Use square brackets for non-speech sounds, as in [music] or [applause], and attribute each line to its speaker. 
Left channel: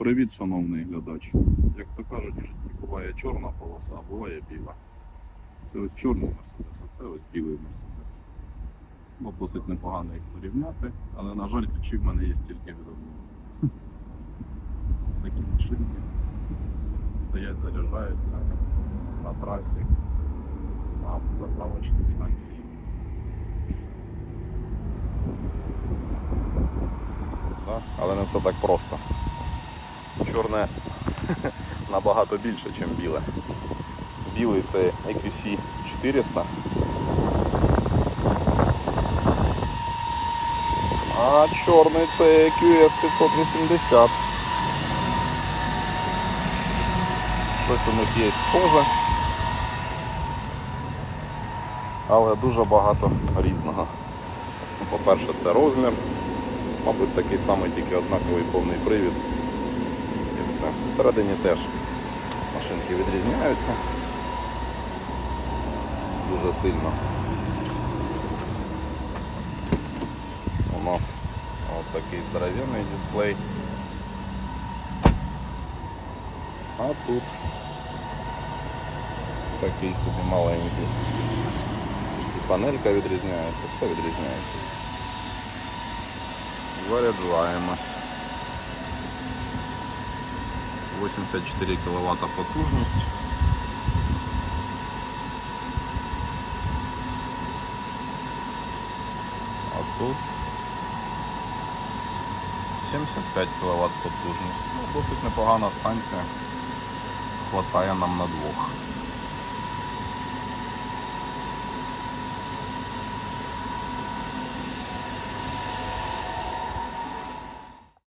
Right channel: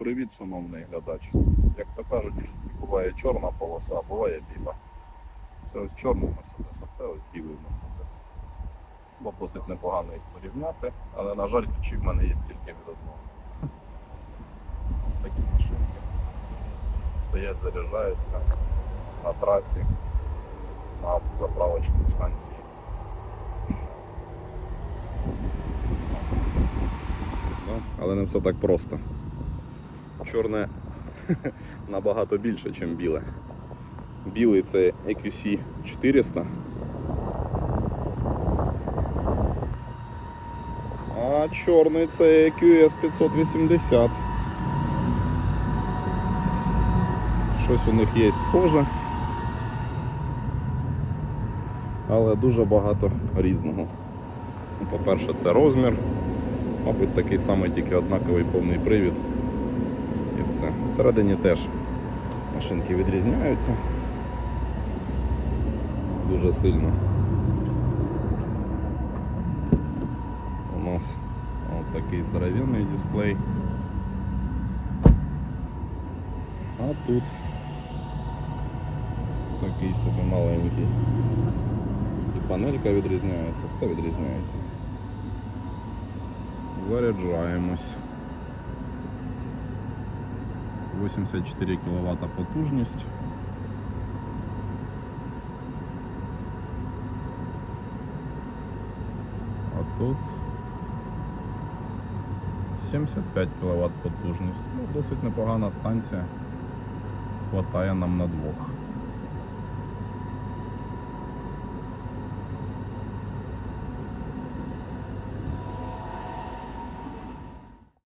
Speaker 1: Привіт, шановний глядач. Як то кажуть, в житті буває чорна полоса, а буває біла. Це ось чорний мерседес, а це ось білий мерседес. Бо досить непогано їх порівняти, але, на жаль, ключі в мене є тільки від одного. Ось такі машинки стоять, заряджаються на трасі, на заправочній станції. Але не все так просто. Чорне [laughs] набагато більше, ніж біле. Білий це EQC 400. А чорний це EQS 580. Щось у них є схоже. Але дуже багато різного. По-перше, це розмір. Мабуть, такий самий, тільки однаковий повний привід. І все. Всередині теж машинки відрізняються дуже сильно. У нас от такий здоровенний дисплей. А тут такий собі маленький. Панелька відрізняється, все відрізняється. Заряджаємось. 84 кВт потужність. А тут 75 кВт потужність. Ну, досить непогана станція. Хватає нам на двох.